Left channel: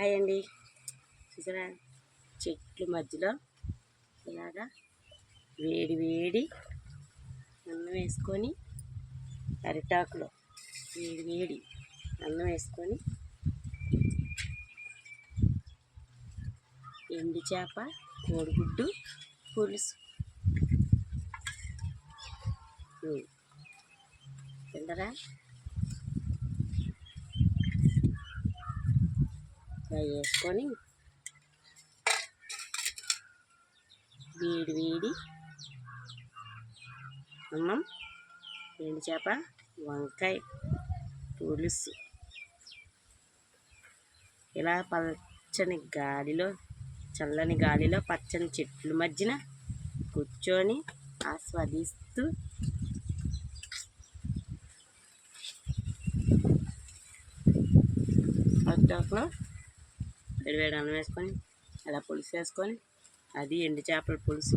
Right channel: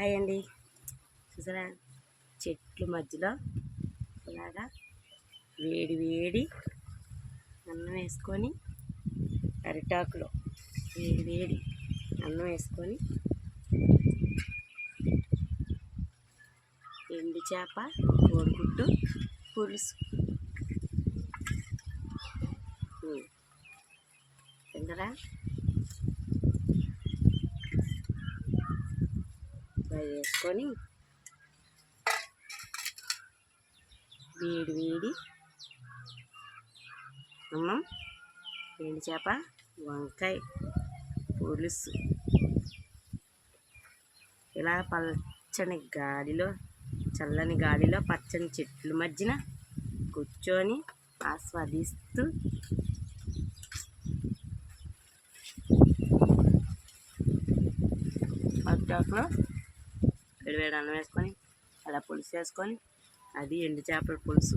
Hi అండి. చూసారా చెట్ల మధ్యలో ఇలాగా వేడి వేడి అన్నం వేసుకొని, అరిటాకులో వేడి వేడి అన్నం వేసుకొని, ఎండు చేప కోడిగుడ్డు పులుసు తింటారా? ఫ్రై వేసుకొని వేడి వేడి అన్నం, ఎండు చేప, వంకాయ పులుసు ఇలా పచ్చని గాలిలో, చల్లని గాలిలో, పచ్చని చెట్ల మధ్యన కూర్చొని ఆస్వాదిస్తూ అరిటాకులో వేడివేడి అన్నం వేసుకొని అలా పులుసు వేసుకొని, అది ఎండు చేపల పులుసు,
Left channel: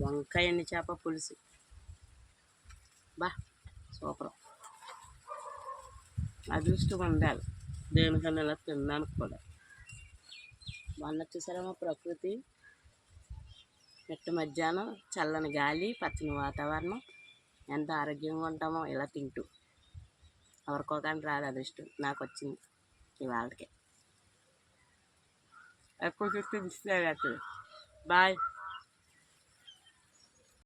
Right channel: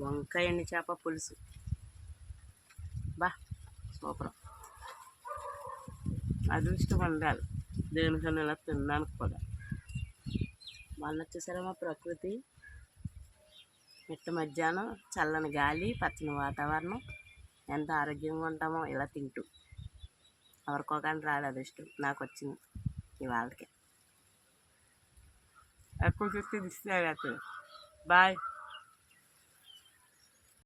వంకాయ ఎండు చేప పులుసు. బా సూపర్. అదృష్టం ఉండాలి దేనికన్నా ఇలా తినడానికి కూడా. మొన్న చూసారమ్మా ప్రకృతి, మిట్ట మధ్యాహ్నం చల్లని గాలి, పచ్చని వాతావరణం, ఎంత ఆరోగ్యంగా ఉంటామో ఇలా తింటూ. ఎవరికో కానీ రాదు అదృష్టం, నాకు వచ్చింది ఇవాళకి. ఎక్కువ చూస్తే దిష్టి తగులుతుంది. బాయ్.